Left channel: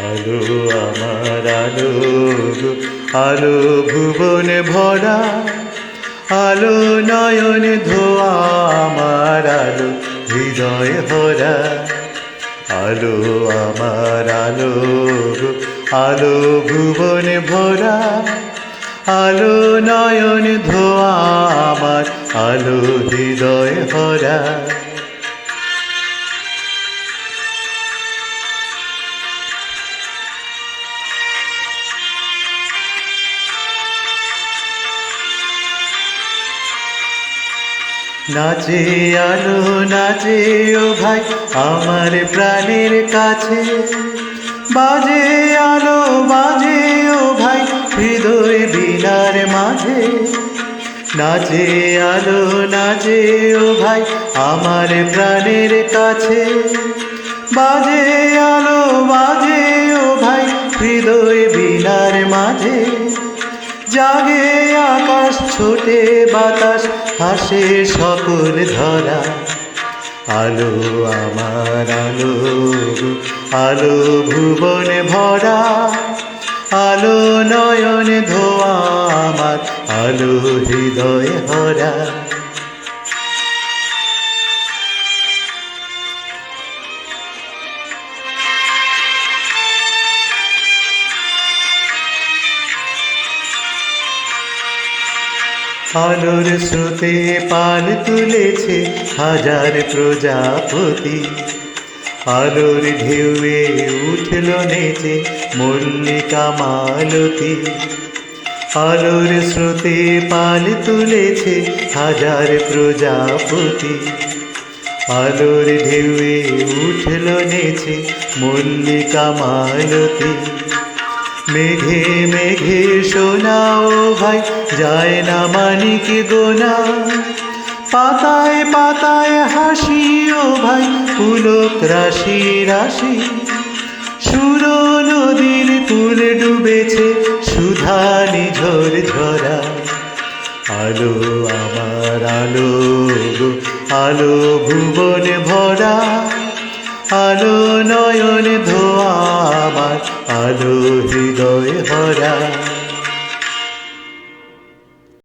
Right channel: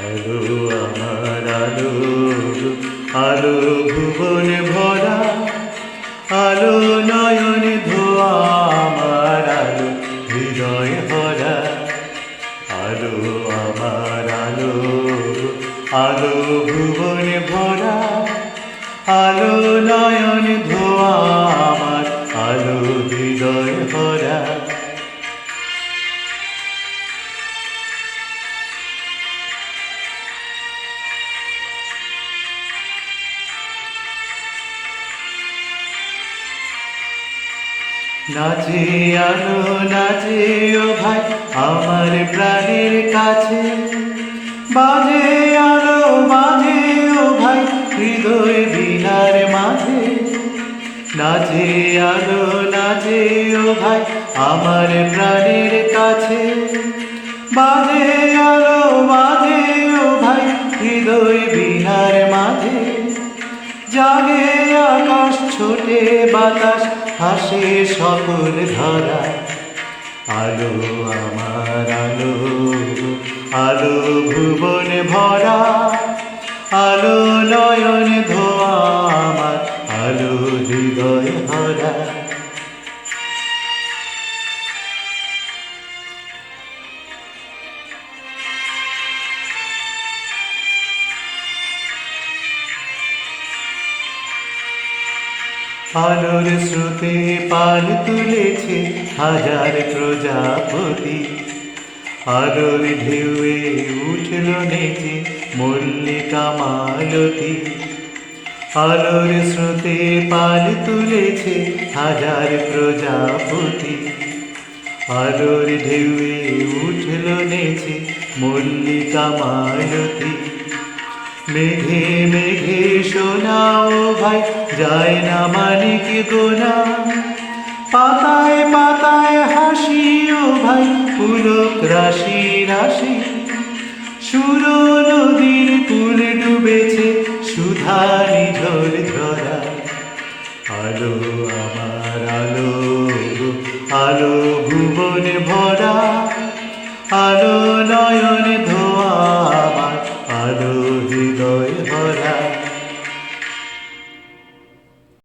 আলো আমার আলো, আলো ভুবনে ভরা, আলো নয়ন ধোয়া আমার আলো হৃদয় ভরা। আলো আমার আলো, আলো ভুবনে ভরা, আলো নয়ন ধোয়া আমার আলো হৃদয় ভরা। নাচে আলো নাচে ও ভাই আমার প্রাণের কাছে, বাজে আলো বাজে ও ভাই হৃদয় বীণার মাঝে। নাচে আলো নাচে ও ভাই আমার প্রাণের কাছে, বাজে আলো বাজে ও ভাই হৃদয় বীণার মাঝে। জাগে আকাশ ছোটে বাতাস হাসে সকল ধরা। আলো আমার আলো, আলো ভুবনে ভরা, আলো নয়ন ধোয়া আমার আলো হৃদয় ভরা। আলোর স্রোতে পাল তুলেছে হাজার প্রজাপতি, আলোর ঢেউয়ে উঠল নেচে মল্লিকা মালতী। আলোর স্রোতে পাল তুলেছে হাজার প্রজাপতি, আলোর ঢেউয়ে উঠল নেচে মল্লিকা মালতী। মেঘে মেঘে শোনাও ভাই যায় না মানিক গোনা, পাতায় পাতায় হাসি ও ভাই পুলক রাশি রাশি। সুর নদীর কুল ডুবেছে সুধা নিঝর ঝরা। আলো আমার আলো, আলো ভুবনে ভরা, আলো নয়ন